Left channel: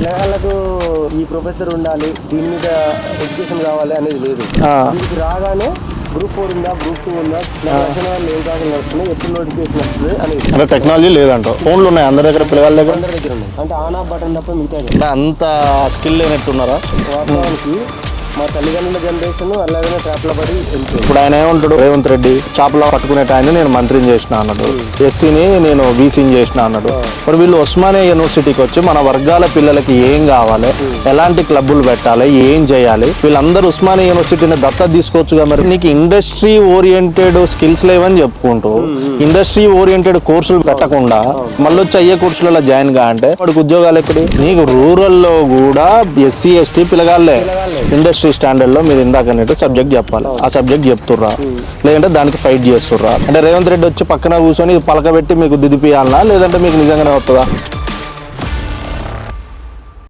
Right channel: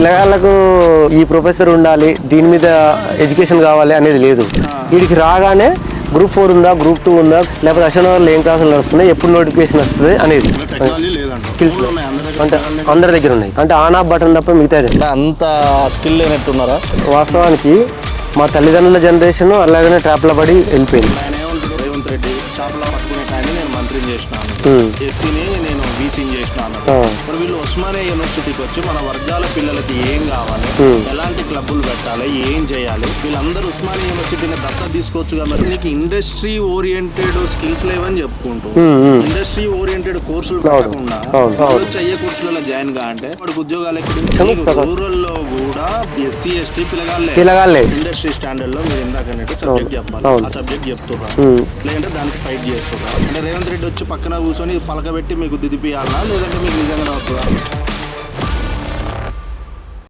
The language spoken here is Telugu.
పిల్లగాళ్ళకు ఈ ప్రొఫెసర్ ఉండాలి, దీని మీద ఎడ్యుకేషన్ కావాలి అనేది లేదు. వీడికి రాగానే గ్రూప్ 4 ఉందా, గ్రూప్ 2 ఉందా, లేకపోతే అశోక్ ఏం క్లాసులు వస్తున్నాయి, ఎప్పుడు నోటిఫికేషన్ వస్తుంది అనేది. టెక్నాలజీ లేదంట, ఫోన్లు ఉన్నాయి అందరి దగ్గర ఉన్నాయి. అంటే ఆన్ ఆఫ్ బటన్ తప్ప మిగతా అంత స్కిల్ లేనట్టున్నారా? వాస్తవానికి మా తల్లిదండ్రుల జనరేషన్ అలాగనే ట్రాప్లో పడి వెళ్ళిపోయింది. ఇప్పుడు ఆయన ఏమంటాడు, రేవంత్ రెడ్డి చేపలో పట్టుకునే టైంని నేను మంత్రిని చేసిన అన్నాడు, ఎస్సీని నేను బీసీని చేసిన అన్నాడు. మరి వీళ్ళు ఉస్మానియా యూనివర్సిటీకి వచ్చి మన వర్గాల పిల్లలకి ఏం కావాలి, ఎలాంటి క్లబ్బులు పెట్టాలి, ఏం చేయాలి, వీళ్ళందరూ ఉస్మానియా యూనివర్సిటీని దత్తత తీసుకోవచ్చుగా. మరి నీకు ఇండస్ట్రీ ఓరియంటెడ్ స్కిల్స్ లేవని చెప్పుకుంటూ ఇండస్ట్రీ ఓరియంటెడ్ కోర్సులు పెట్టకుండా మళ్ళీ వచ్చి అయ్యే కోర్సులలో జాయిన్ గా అంటే వాడికి ఉద్యోగాలు ఎక్కడి? నీకు రూరల్ లో కూడా ఎస్సీ ఎస్టీ పిల్లగాళ్ళే ఇండస్ట్రీ స్టాండర్డ్ లో మీరు ఇందాక సబ్జెక్ట్ చెప్పాలి, ఆ సబ్జెక్ట్ చెప్తుర్రా, లేదంటే దానికి ఫైట్ చేస్తుర్రా? అంటే రేవంత్ రెడ్డి వచ్చి పక్కన కూర్చొని పలకబెట్టి మీకు దిదిపియాలనా, లేదంటే మీకు నిజంగానే వస్తుందా?